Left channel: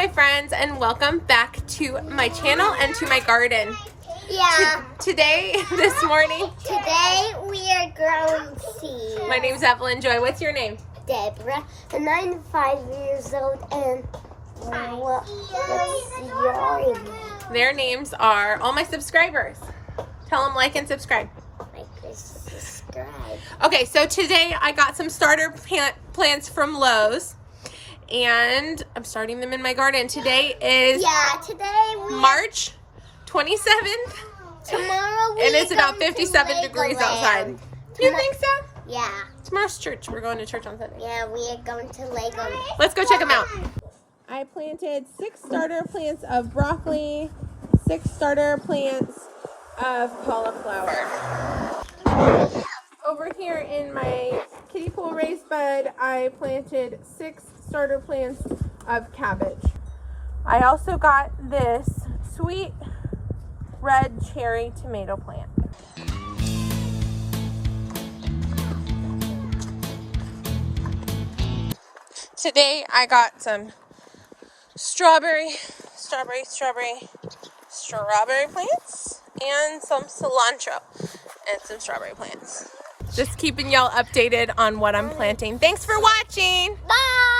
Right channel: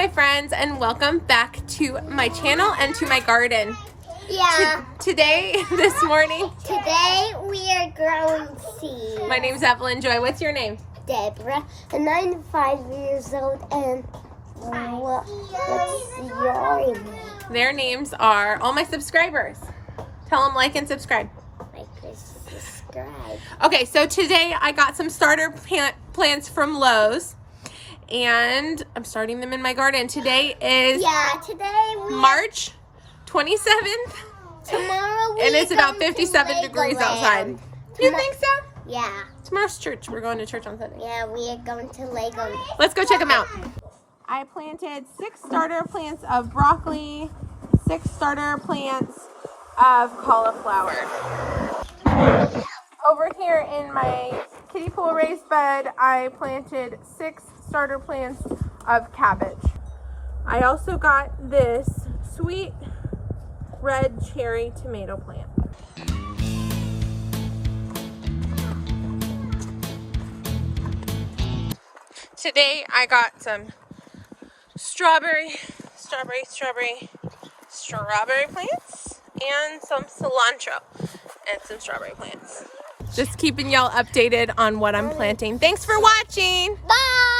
my friends, and welcome back to my channel and to my garden. Yeah. Today we are growing seeds. My name's Evelyn Joy. What's your name? Deborah, and I'm 5 years old, and what's your name? Their names are all my subscribers. Tell them like and subscribe. Like and subscribe. Okay, so today I got some starter plants from Lowe's, and I'm starting them in my garden. Today is March 27th. Tomorrow and it's about 57 degrees outside. You think so? Yeah. Tomorrow's church. We're going to church on Sunday. Yeah, we are going to Lego. Let's go check them out. I planted 6 starter plants of broccoli, 6 starter plants of cauliflower. Over here in my kiddie pool raised bed, I planted 6 starter plants of cabbage. I also got this sweet red cherry tomato plant. Today I got some strawberry plants and some cilantro and some strawberry plants. Just keeping y'all updated on what I'm planting. Thanks for watching. Bye.